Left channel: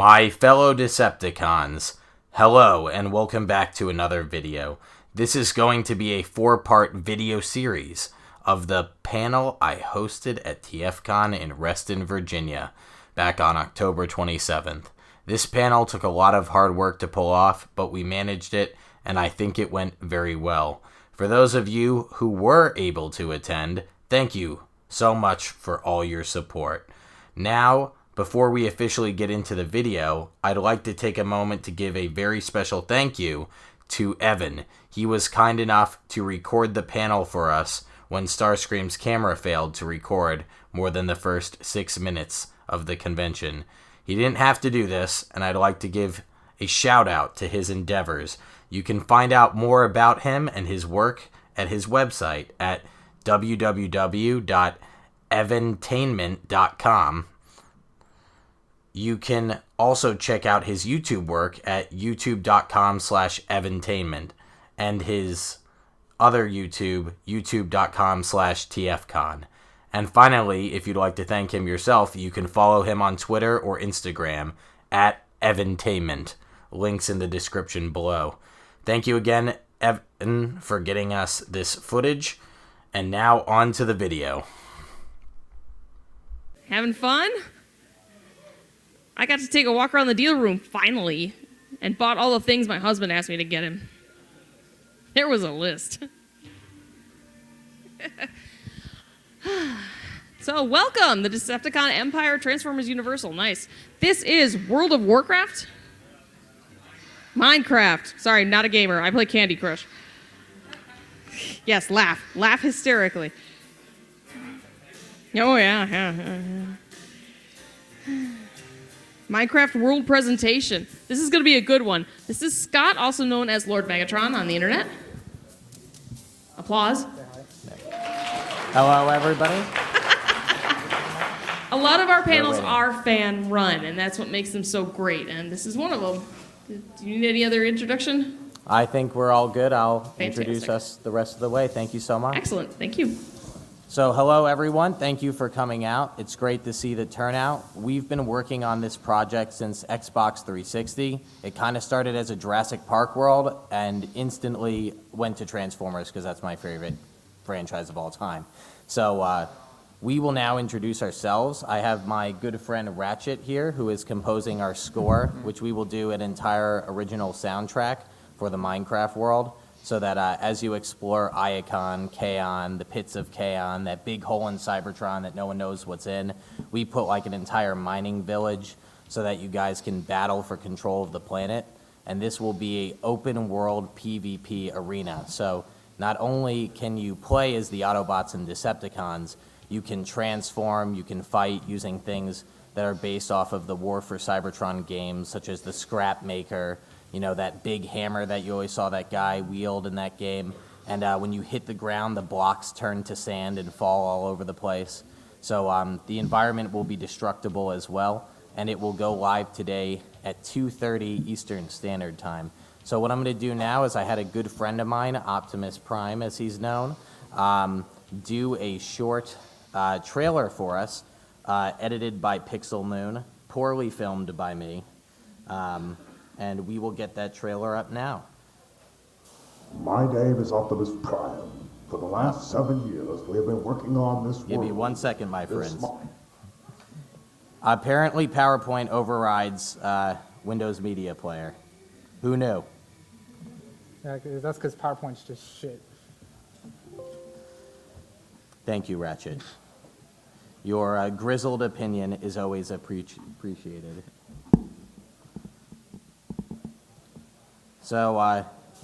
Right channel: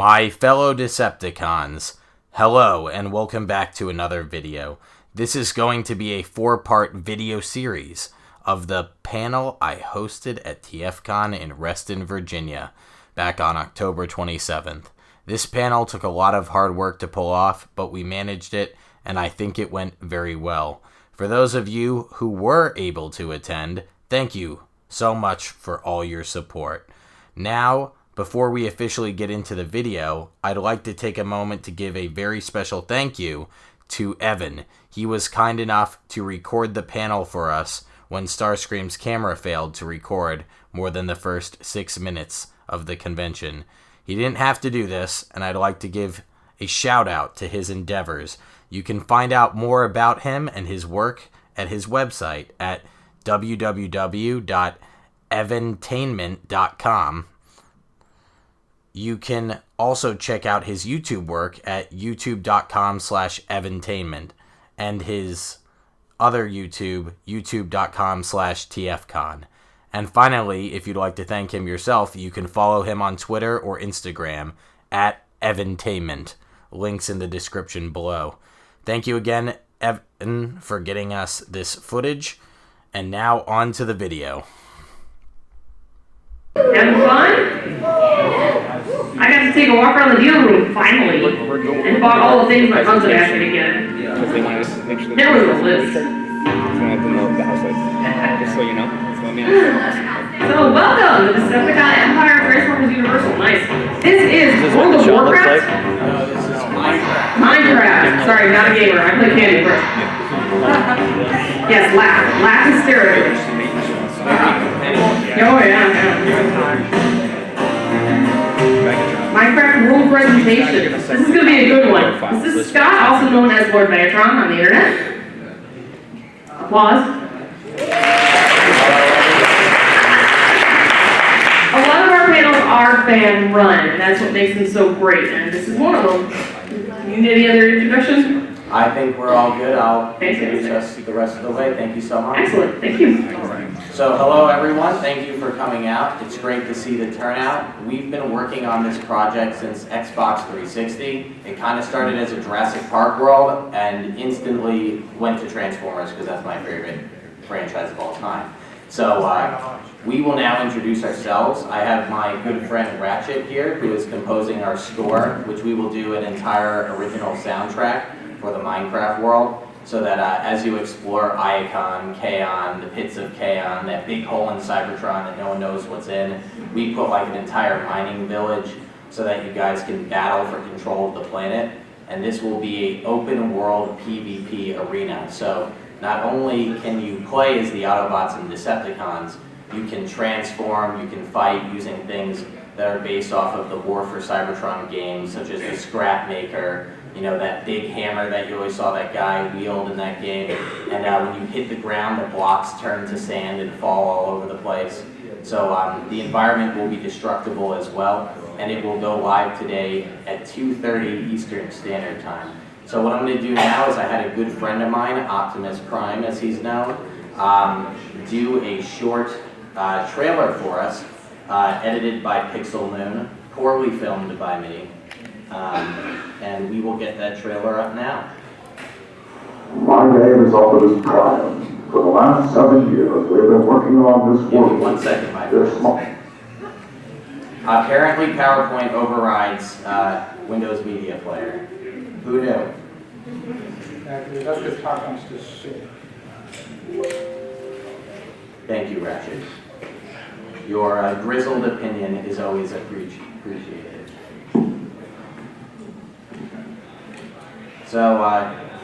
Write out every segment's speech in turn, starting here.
My fellow Decepticons, hello and welcome back to another video. This is going to be a 4-part video series of the panel I hosted at TFcon in Reston, Virginia, back on October 27th. This panel took a lot of hard work to pull off, but we managed it, and I think it went very well. For those of you who were able to attend, thank you so much for all your support. Now, before we officially get into the video, I'd like to take a moment to give a very special thank you to Evan. He was kind enough to record the panel for us when Starscream's camera failed to record more than the first 6 minutes of the convention. He didn't have to do this, and I'd like to give a shout out to his endeavors. You can find out more about him and his work at his website at www.evantainment.com. You can also check out his YouTube work at youtube.com/evantainment, and his other YouTube, youtube.com/TFcon. And finally, if you'd like to thank him yourself, you can follow him on Twitter or Instagram at Evantainment. Links in the description below. Thank you again, Evan, for getting us this footage. And now on to the video. Having fun? I got to take a walk around the deal room, finally, and bought all the things my husband asked me to get. There was a list. So welcome, the Decepticon Empire, Transformers Universal. Nice. This is World of Warcraft? This is Minecraft. Minecraft. Sorry, not a gamer. I play Candy Crush. Yes, laugh. Laugh hysterically. Oh, yeah. Minecraft World Presentation. This is going to be a good one. This is Scott, also known as Lord Megatron on the internet. Applause. A lot of our panels are fan run, and that's what makes them so great, and this is one of them. Do you need any other introductions? I think we're all good. I'll introduce us the rest of the way. Thank you so much. Excellent. Thank you. So hello everyone, thank you for coming out. It's great to see the turnout. We've been working on this project since Xbox 360. It kind of started as a Jurassic Park world and instantly went to Transformers because that's my favorite franchise of all time. So we will now introduce ourselves. I have my good friend Ratchet here who is composing our score, which we will do an entire original soundtrack for the Minecraft world. So that as you explore Iacon, Kaon, the pits of Kaon, that big hole in Cybertron that no one knows what's in, we put like an entire mining village so that you guys can battle for control of the planet. And this will be an open world PvP arena. So not only can you play as the Autobots and Decepticons, you can transform, you can fight using things that are based off of the War for Cybertron games, such as the Scrap Maker, you know, that big hammer that you always saw that guy wield in that game. And when you hit the ground, the blocks turn to sand and fall all over the place. So the environment will be destructible as well, and it will go live today at 2:30 Eastern Standard Time. So what I'm going to do now is I had a good friend of mine, Optimus Prime as he's known, do a short trailer for us, edited by Pixel Moon, poorly filmed by me. And we will get that trailer up now. My name is Optimus Prime. For the last 7 years, we've been working on this Give world. me 1 second, my friends. Apparently PowerPoint overrides Windows Media Player. Who knew? That's because PowerPoint's just shit. Thank you, Ratchet. Your grizzled opinion is always appreciated. So,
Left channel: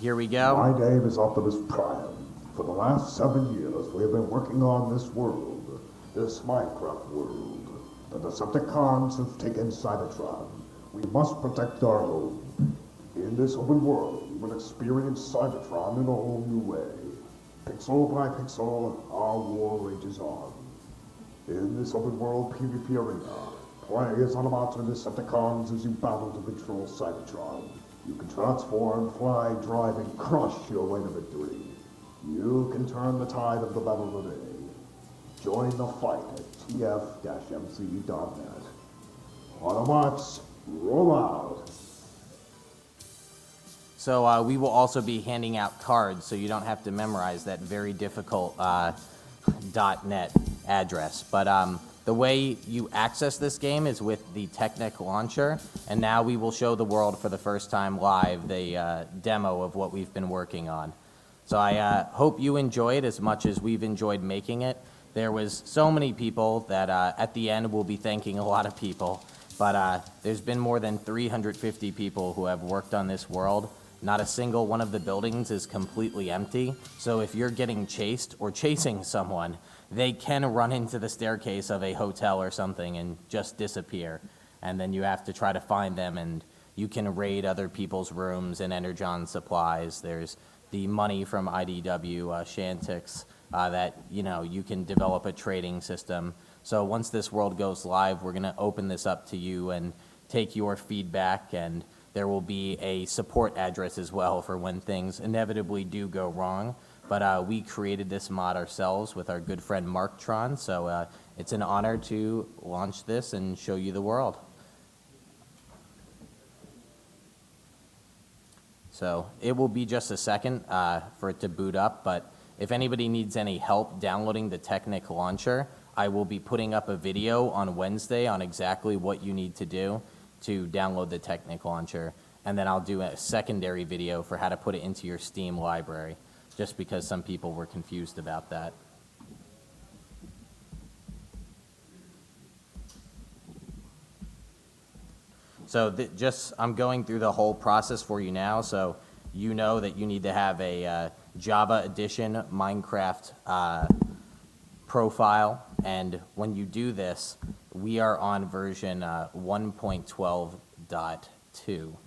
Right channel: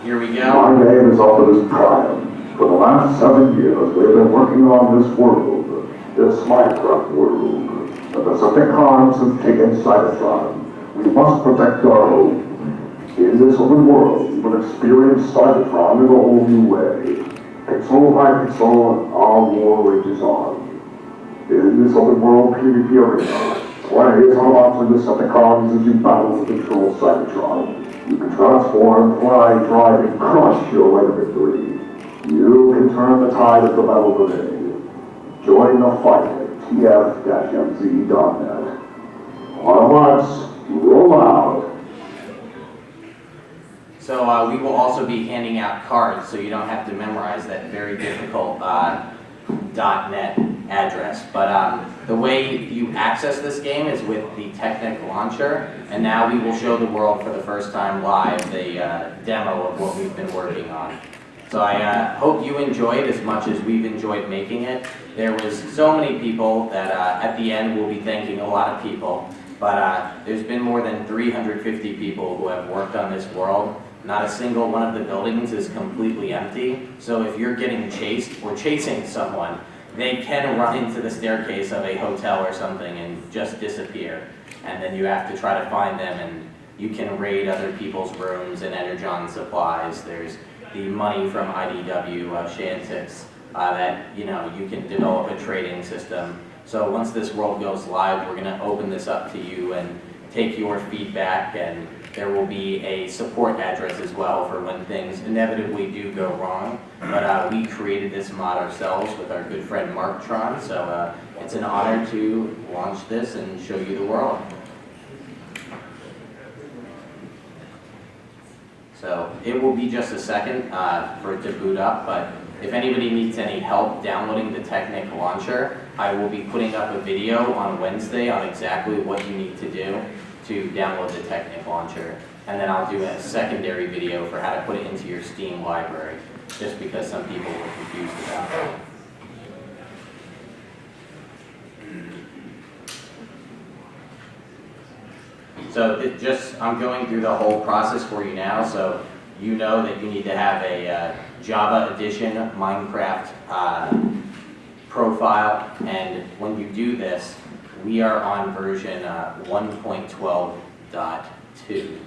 here we go. My name is Optimus Prime. For the last 7 years, we've been working on this world, this Minecraft world. The Decepticons have taken Cybertron. We must protect our home. In this open world, we will experience Cybertron in a whole new way. Pixel by pixel, our war rages on. In this open world PvP arena, play as Autobots and Decepticons as you battle to control Cybertron. You can transform, fly, drive, and crush your way to victory. You can turn the tide of the battle today. Join the fight at tf-mz.net. Autobots, Roll out. So we will also be handing out cards, so you don't have to memorize that very difficult .NET address. But the way you access this game is with the Technic launcher, and now we will show the world for the first time live the demo of what we've been working on. So I hope you enjoyed as much as we've enjoyed making it. There was so many people that at the end we'll be thanking a lot of people, but there's been more than 350 people who have worked on this world. Not a single one of the buildings is completely empty, so if you're getting chased or chasing someone, they can run into the staircase of a hotel or something and just disappear. And then you have to try to find them, and you can raid other people's rooms and energon supplies. There's the money from IDW, Shantix, that you can develop a trading system. So once this world goes live, we're going to open this up to you and take your feedback, and there will be a support address as well for when things inevitably do go wrong. But we created this mod ourselves with our good friend Megatron, so it's an honor to launch this and show you the world. So it will be just a second for it to boot up, but if anybody needs any help downloading the Technic launcher, I will be putting up a video on Wednesday on exactly what you need to do to download the Technic launcher, and then I'll do a secondary video for how to put it into your Steam library, just because some people were confused about that. So I'm going through the whole process for you now, so you know that you need to have a Java Edition Minecraft profile, and when you do this, we are on version 1.12.2,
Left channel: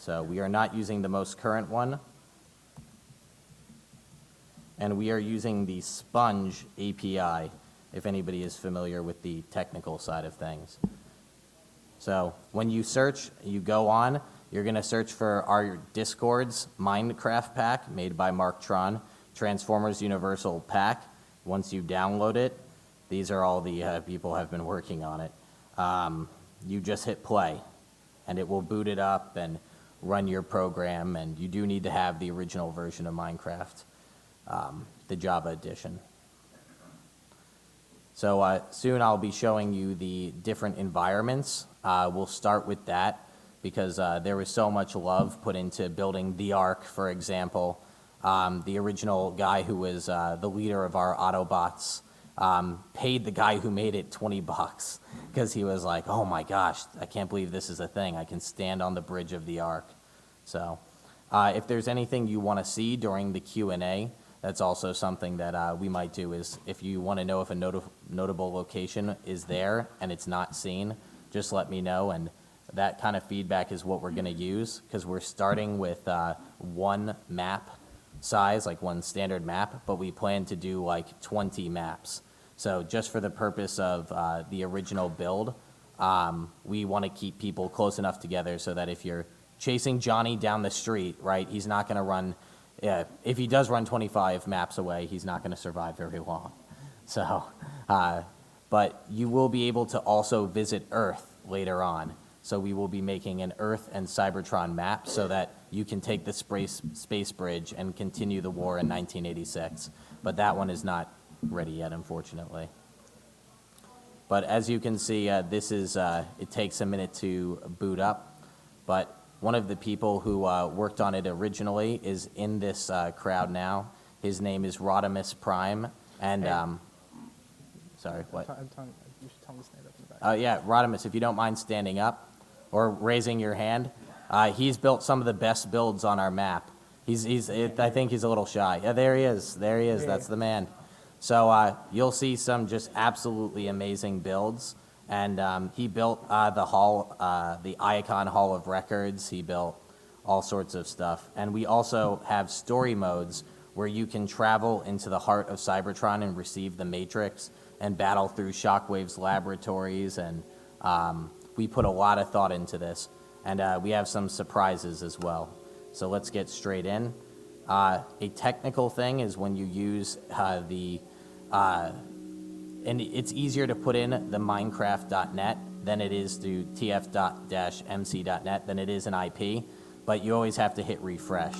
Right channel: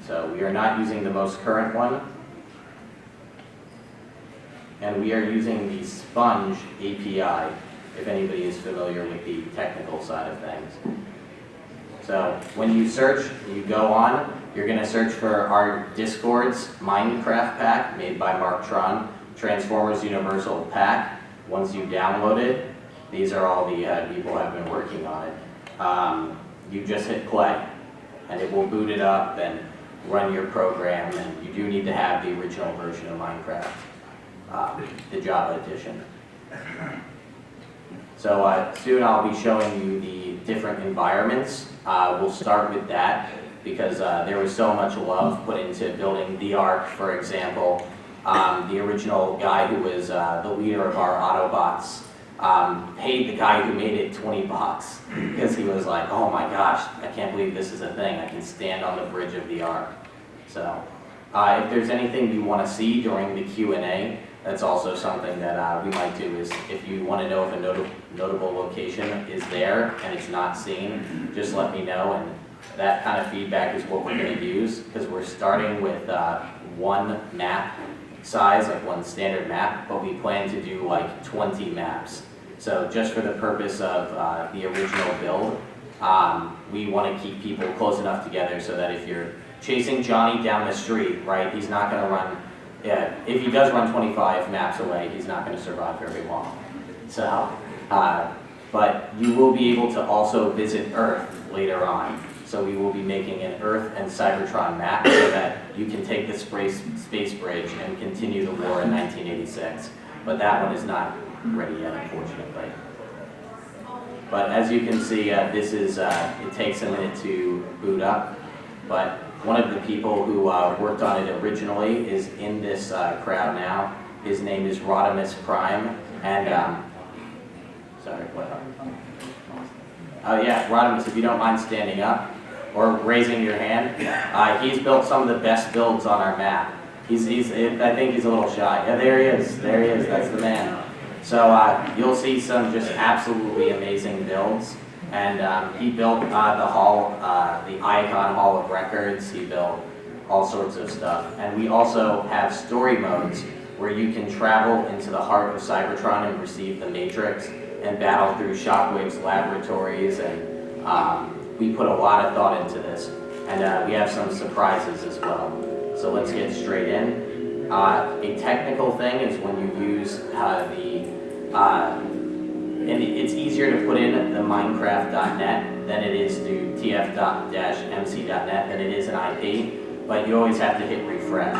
so we are not using the most current one, and we are using the Sponge API, if anybody is familiar with the technical side of things. So when you search, you go on, you're going to search for our Discord's Minecraft pack made by Megatron, Transformers Universal Pack. Once you download it, these are all the people who have been working on it. You just hit play, and it will boot it up and run your program, and you do need to have the original version of Minecraft, the Java edition. So soon I'll be showing you the different environments. We'll start with that because there was so much love put into building the Ark, for example. The original guy who was the leader of our Autobots paid the guy who made it $20 because he was like, oh my gosh, I can't believe this is a thing. I can stand on the bridge of the Ark. So if there's anything you want to see during the Q&A, that's also something that we might do, is if you want to know if a notable location is there and it's not seen, just let me know, and that kind of feedback is what we're going to use, because we're starting with one map size, like one standard map, but we plan to do like 20 maps. So just for the purpose of the original build, we want to keep people close enough together so that if you're chasing Johnny down the street, right, he's not going to run. Yeah, if he does run 25 maps away, he's not going to survive very long. So, but you will be able to also visit Earth later on. So we will be making an Earth and Cybertron map so that you can take the space bridge and continue the war in 1986. But that one is not ready yet, unfortunately. But as you can see, this is, it takes a minute to boot up, but one of the people who worked on it originally is in this crowd now. His name is Rodimus Prime, and sorry, what? Yeah, Rodimus, if you don't mind standing up or raising your hand. He's built some of the best builds on our map. I think he's a little shy. Yeah, there he is. There he is. That's the man. So you'll see some just absolutely amazing builds. And he built the hall, the Icon Hall of Records. He built all sorts of stuff. And we also have story modes where you can travel into the heart of Cybertron and receive the Matrix and battle through Shockwave's laboratories. And we put a lot of thought into this. And we have some surprises as well. So let's get straight in. A technical thing is when you use the and it's easier to put in the Minecraft.net than it is through tf.mc.net than it is an IP, but you always have to hit refresh,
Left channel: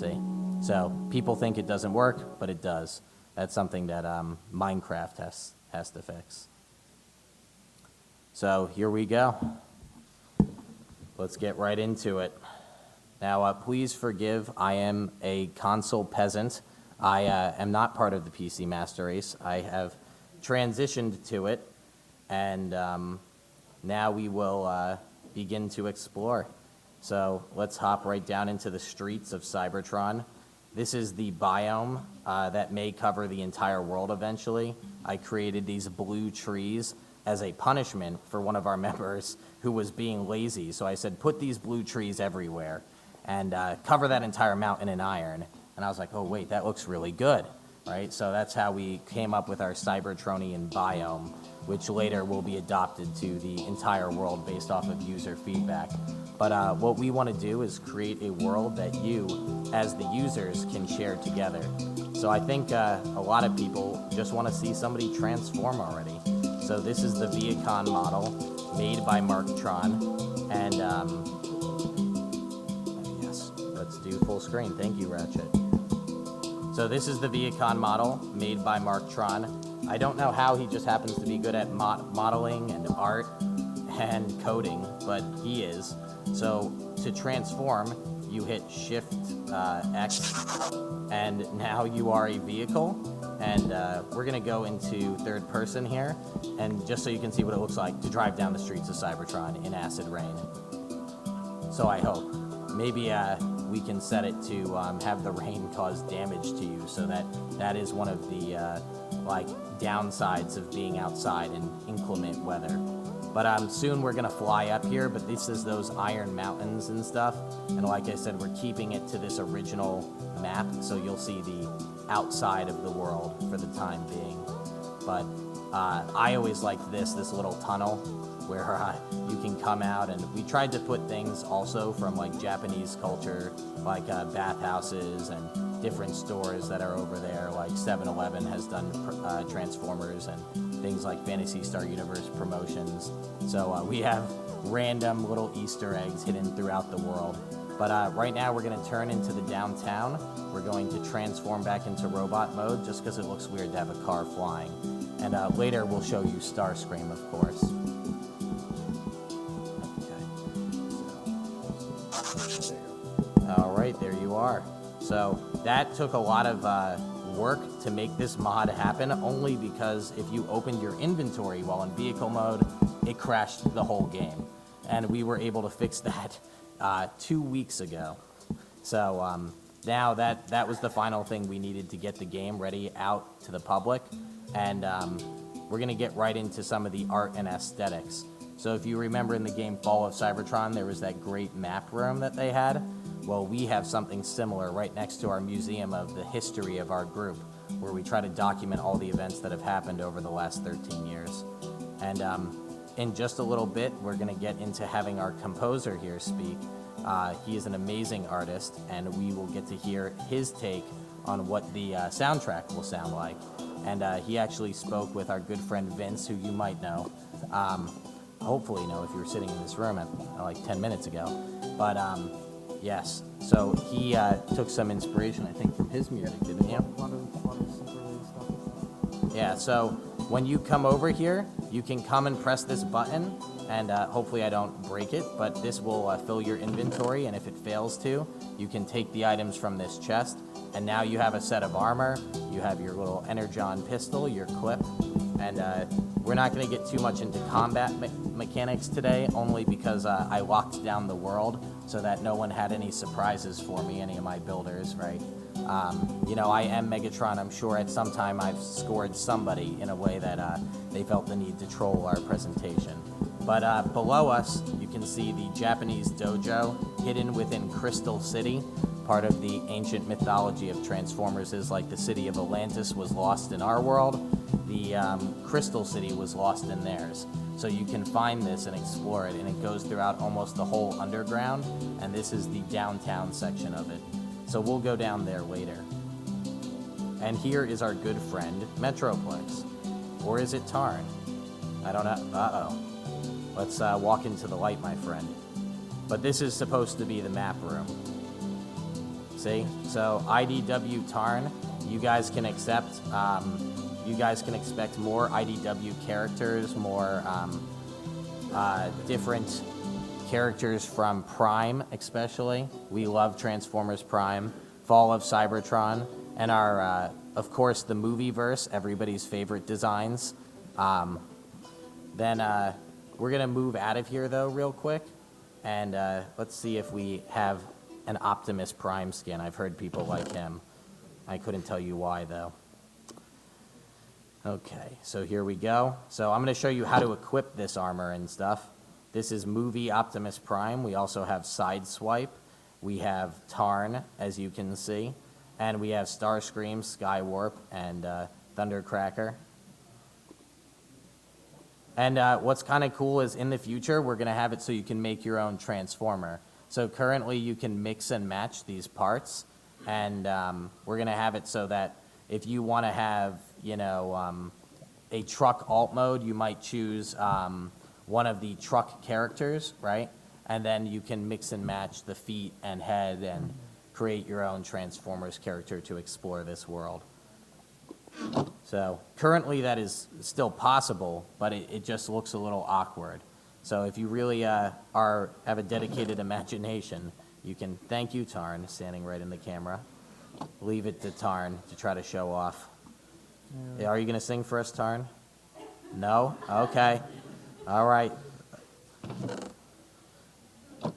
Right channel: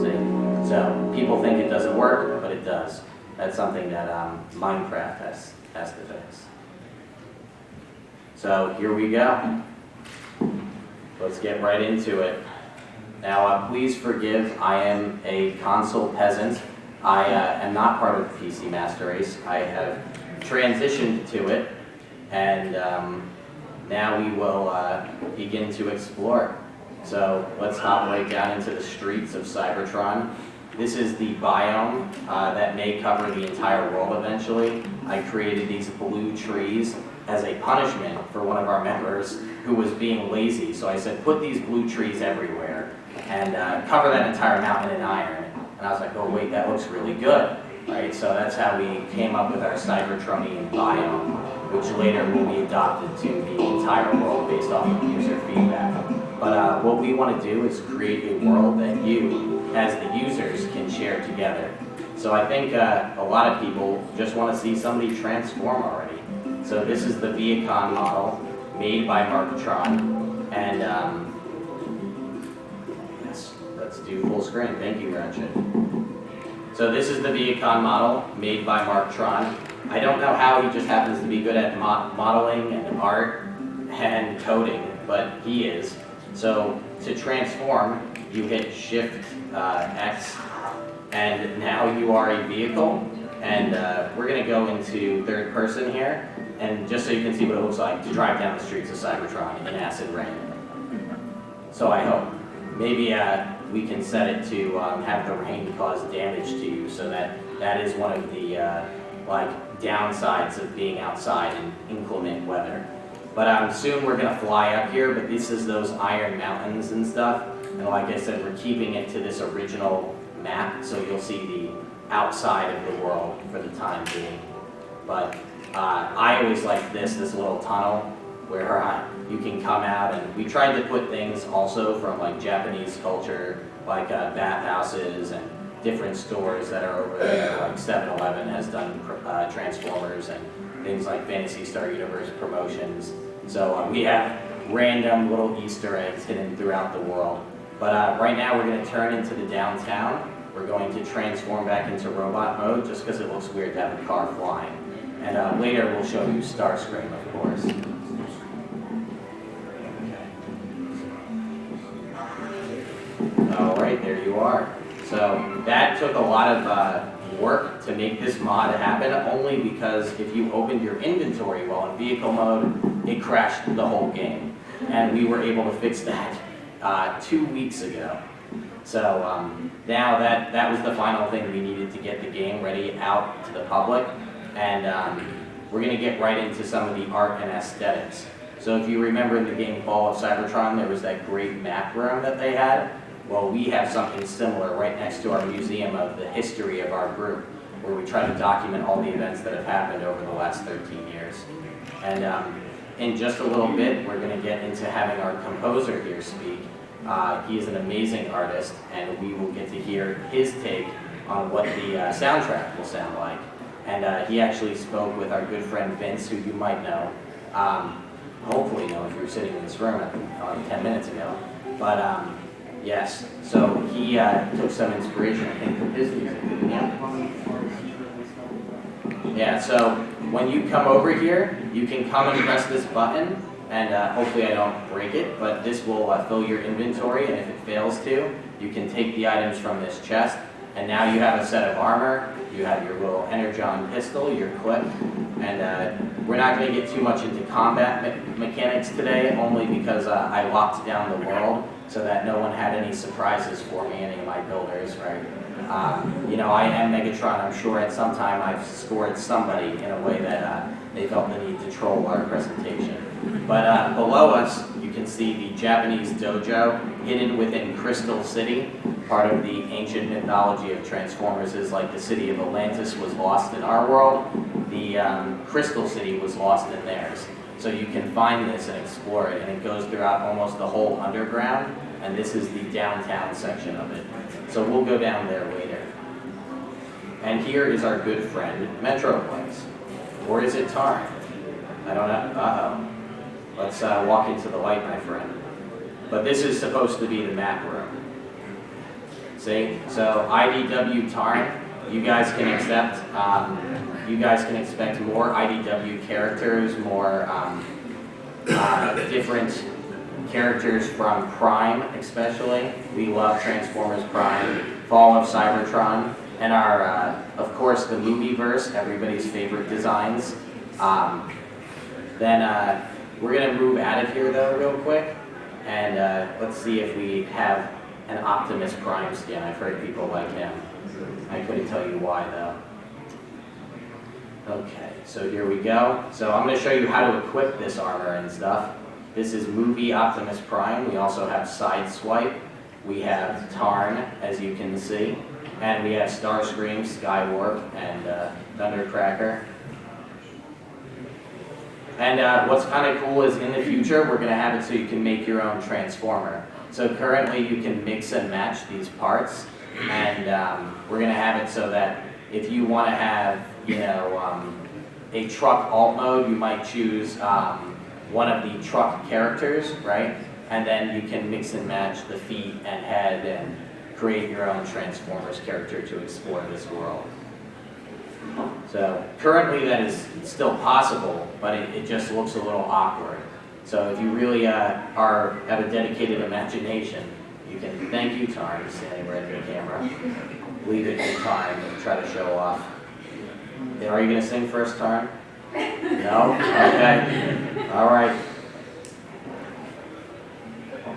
see? So people think it doesn't work, but it does. That's something that Minecraft has to fix. So here we go. Let's get right into it. Now, please forgive, I am a console peasant. I am not part of the PC Master Race. I have transitioned to it, and now we will begin to explore. So let's hop right down into the streets of Cybertron. This is the biome that may cover the entire world eventually. I created these blue trees as a punishment for one of our members who was being lazy. So I said, put these blue trees everywhere and cover that entire mountain in iron. And I was like, oh wait, that looks really good, right? So that's how we came up with our Cybertronian biome, which later will be adopted to the entire world based off of user feedback. But what we want to do is create a world that you, as the users, can share together. So I think a lot of people just want to see somebody transform already. So this is the Decepticon model made by Megatron, and yes, let's do full screen. Thank you, Ratchet. So this is the Decepticon model made by Megatron. I don't know how he just happens to be good at modeling and art and coding, but he is. So to transform, you hit Shift X, and now you are a vehicle. And we're going to go into third person here, and just so you can see what it looks like to drive down the streets of Cybertron in acid rain. So I hope. Maybe we can set it to have the rain cause damage to you, so that is one of the downsides of being outside in inclement weather. But soon we're going to fly up here, but this is those iron mountains and stuff. And like I said, we're keeping it to this original map, so you'll see the outside of the world for the time being. But I always like this little tunnel where you can come out, and we tried to put things also from like Japanese culture, like bathhouses and different stores that are over there, like 7-Eleven has done Transformers and things like Fantasy Star Universe promotions. So we have random little Easter eggs hidden throughout the world. But right now we're going to turn into the downtown. We're going to transform back into robot mode just because it looks weird to have a car flying. And later we'll show you Starscream, of course. Okay. Alright, there you are. So that took a lot of work to make this mod happen, only because if you opened your inventory while in vehicle mode, it crashed the whole game. And we were able to fix that 2 weeks ago. So now that was the final thing we needed to get the game ready out to the public, and we're going to get right into some of the art and aesthetics. So if you remember in the game Fall of Cybertron, there was that great map room that they had. Well, we have something similar right next to our museum of the history of our group, where we try to document all the events that have happened over the last 13 years. And in just a little bit, we're going to get into having our composer here speak. He is an amazing artist, and we will get to hear his take on what the soundtrack will sound like. And he actually spoke with our good friend Vince, who you might know, hopefully know if you were sitting in this room 10 minutes ago. But yes, so he took some inspiration, I think, from his music, didn't he? Yeah, so when you come over here, you can come and press this button, and hopefully I don't break it, but this will fill your inventory, and if it fails to, you can take the items from this chest, and now you have a set of armor, you have your little Energon pistol, your clip, and we're not going to get too much into combat mechanics today, only because I locked down the world so that no one had any surprises for me, any of my builders, right? You know, I am Megatron. I'm sure at some time I've scored somebody in a way that they felt the need to troll our presentation. But below us, you can see the Japanese dojo hidden within Crystal City. Part of the ancient mythology of Transformers is like the city of Atlantis was lost in our world. The Crystal City was lost in theirs. So you can find this and explore it, and it goes throughout almost the whole underground, and this is the downtown section of it. So we'll go down there later. And here is our good friend, Metroplex. Or is it Tarn? I don't know. Uh-oh. Let's walk into the light, my friend. But this is supposed to be the map room. See? So IDW Tarn, you guys can accept, you guys can expect more IDW characters, more different characters from Prime especially. We love Transformers Prime, Fall of Cybertron, and our, of course, the Movieverse, everybody's favorite designs. Then we're going to move out of here though real quick, and let's see if we have an Optimus Prime skin. I've heard people like him. I couldn't tell you why though. Okay, so here we go. So I'm going to show you how to equip this armor and stuff. This is Movie Optimus Prime. We also have Sideswipe. We have Tarn, as you can see. And we have Starscream, Skywarp, and Thundercracker. And what's kind of cool is in the future, we're going to have it so you can make your own Transformer. So currently you can mix and match these parts. And we're going to have it so that if you want to have, you know, a truck alt mode, you might choose one of the truck characters, right? And then you can mix and match the feet and head and create your own Transformers character to explore this world. So currently that is still possible, but it just looks a little awkward. So if you really have a dedicated imagination, you can, thank you Tarn, standing right in the camera. Leave it to Tarn to try to show off. Are you going to sing first, Tarn? No? Okay. All right.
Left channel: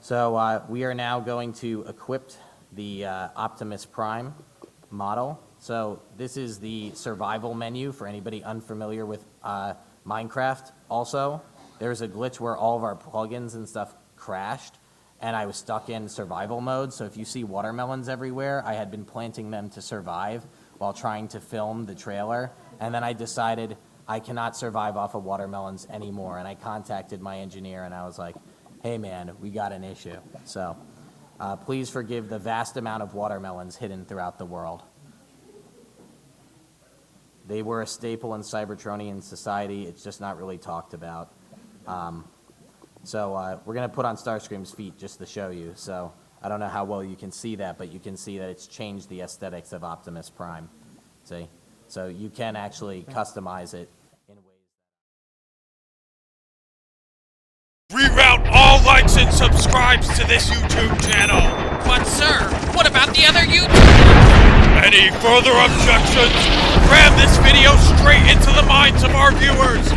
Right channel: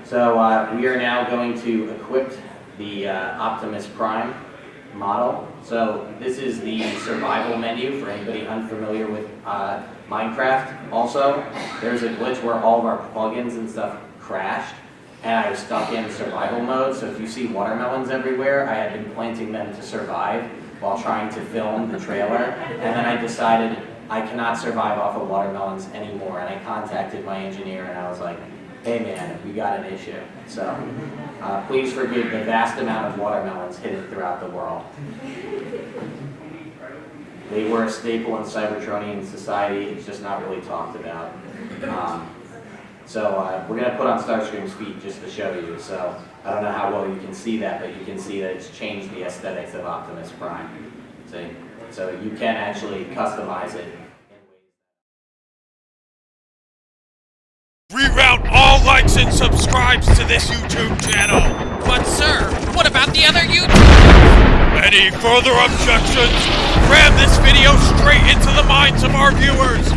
So we are now going to equip the Optimus Prime model. So this is the survival menu for anybody unfamiliar with Minecraft. Also, there's a glitch where all of our plugins and stuff crashed, and I was stuck in survival mode. So if you see watermelons everywhere, I had been planting them to survive while trying to film the trailer, and then I decided I cannot survive off of watermelons anymore, and I contacted my engineer and I was like, hey man, we got an issue. So please forgive the vast amount of watermelons hidden throughout the world. They were a staple in Cybertronian society, it's just not really talked about. So we're going to put on Starscream's feet just to show you. So I don't know how well you can see that, but you can see that it's changed the aesthetics of Optimus Prime. See? So you can actually customize it. Reroute all likes and subscribes to this YouTube channel. But sir, what about the other YouTubers? Any further objections? Ram this video straight into the minds of our viewers.